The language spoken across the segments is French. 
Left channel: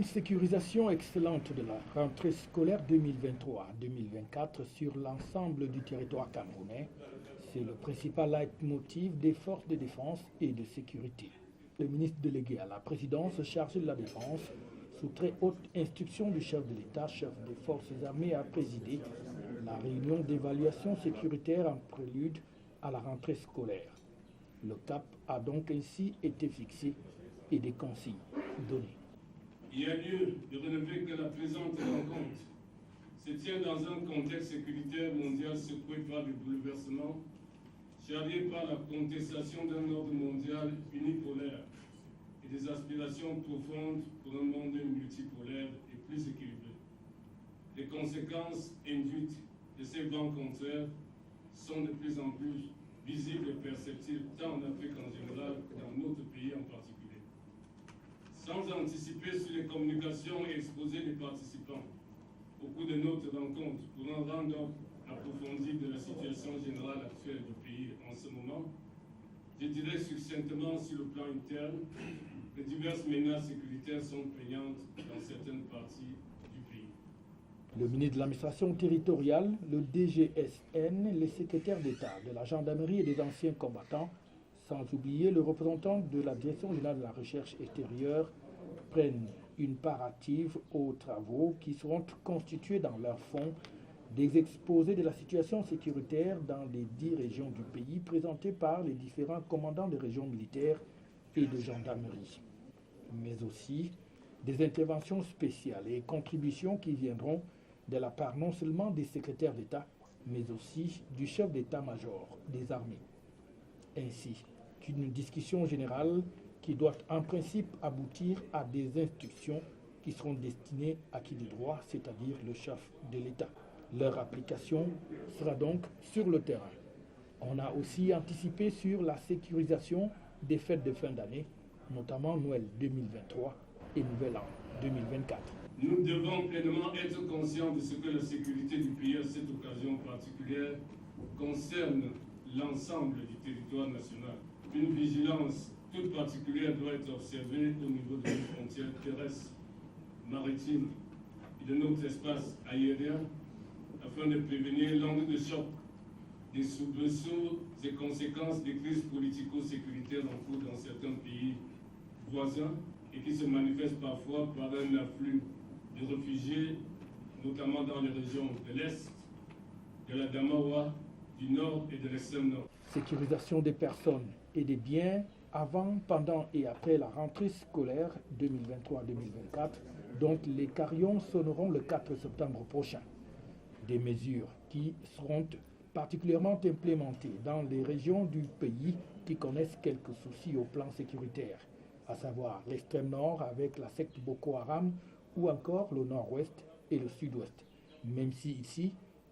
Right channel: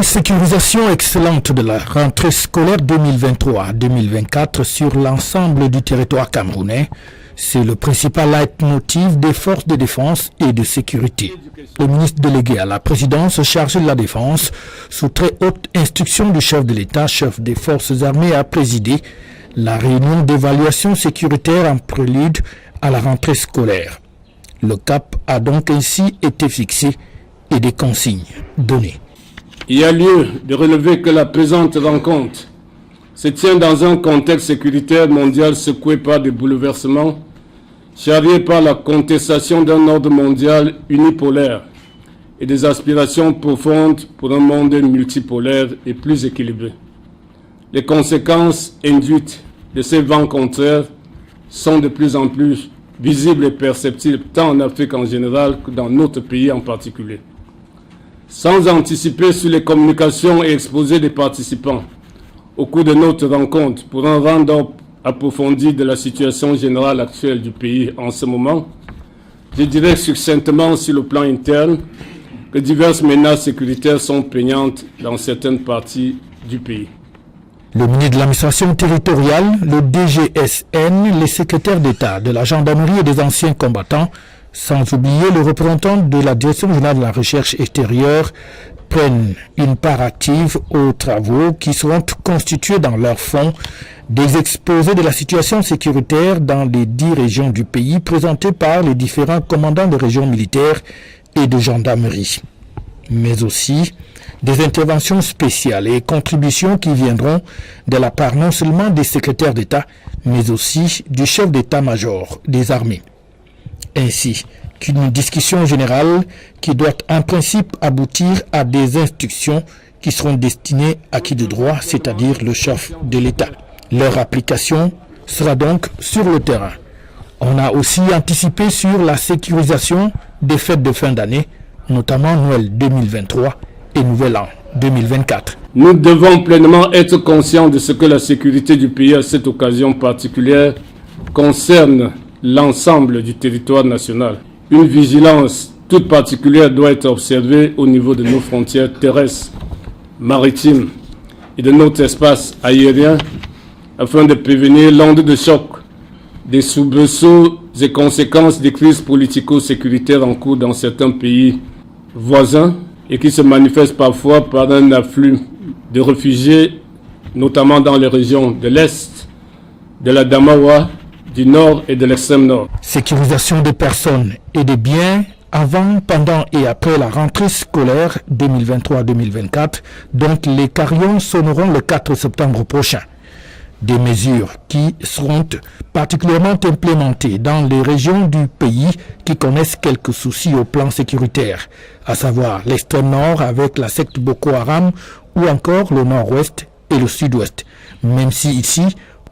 Une sécurisation excellente de la rentrée scolaire 2023-2024 sur l'ensemble du territoire camerounais, c'est le principal leitmotiv des forces de défense et de sécurité. Le ministre délégué à la présidence chargé de la défense, sous très haute instruction du chef de l'État, chef des forces armées, a présidé la réunion d'évaluation sécuritaire en prélude à la rentrée scolaire. Le cap a donc ainsi été fixé et des consignes données. Il y a lieu de relever que la présente rencontre se tient dans un contexte sécuritaire mondial secoué par des bouleversements, charrié par la contestation d'un ordre mondial unipolaire et des aspirations profondes pour un monde multipolaire et plus équilibré. Les conséquences induites de ces vents contraires sont de plus en plus visibles et perceptibles tant en Afrique en général que dans notre pays en particulier. Sans anticiper sur les communications et exposés des participants au cours de notre rencontre pour un round-up approfondi de la situation générale actuelle du pays en ce moment, je dirais succinctement sur le plan interne que diverses menaces sécuritaires sont prégnantes dans certaines parties du pays. Le ministre de l'administration territoriale, le DGSN, les secrétaires d'État de la gendarmerie et des anciens combattants, sans oublier le représentant de la Direction générale de la recherche extérieure, prennent une part active aux travaux qui seront constitués dans leur fond des exposés de la situation sécuritaire dans les 10 régions du pays présentés par les différents commandants de régions militaires et de gendarmerie, mais aussi des interventions spéciales et contributions qui viendront de la part non seulement des secrétaires d'État, mais aussi du chef d'état-major des armées. Ainsi qu'une discussion générale qui doit en principe aboutir à des instructions qui seront destinées à qui de droit, c'est-à-dire le chef de l'État. Leur application sera donc sur le terrain. On a aussi anticipé sur la sécurisation des fêtes de fin d'année, notamment Noël 2023 et Nouvel An 2024. Nous devons pleinement être conscients de ce que la sécurité du pays à cette occasion particulière concerne l'ensemble du territoire national. Une vigilance toute particulière doit être observée au niveau de nos frontières terrestres, maritimes et de notre espace aérien afin de prévenir l'onde de choc des soubresauts et conséquences des crises politico-sécuritaires en cours dans certains pays voisins et qui se manifestent parfois par un afflux de réfugiés, notamment dans les régions de l'Est, de la Damawa, du Nord et de l'extrême Nord. Sécurisation des personnes et des biens avant, pendant et après la rentrée scolaire 2023-2024, dont les carillons sonneront le 4 septembre prochain. Des mesures qui seront particulièrement implémentées dans les régions du pays qui connaissent quelques soucis au plan sécuritaire, à savoir l'extrême nord avec la secte Boko Haram ou encore le nord-ouest et le sud-ouest, même si ici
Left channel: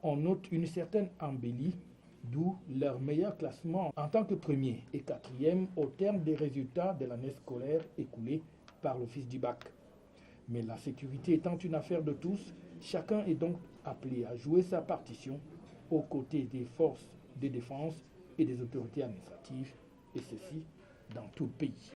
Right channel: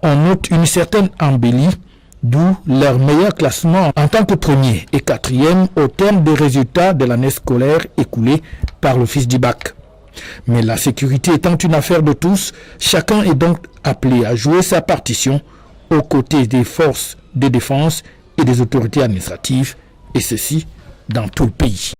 on note une certaine embellie, d'où leur meilleur classement en tant que premier et quatrième au terme des résultats de l'année scolaire écoulée par l'Office du bac. Mais la sécurité étant une affaire de tous, chacun est donc appelé à jouer sa partition aux côtés des forces de défense et des autorités administratives, et ceci dans tout le pays.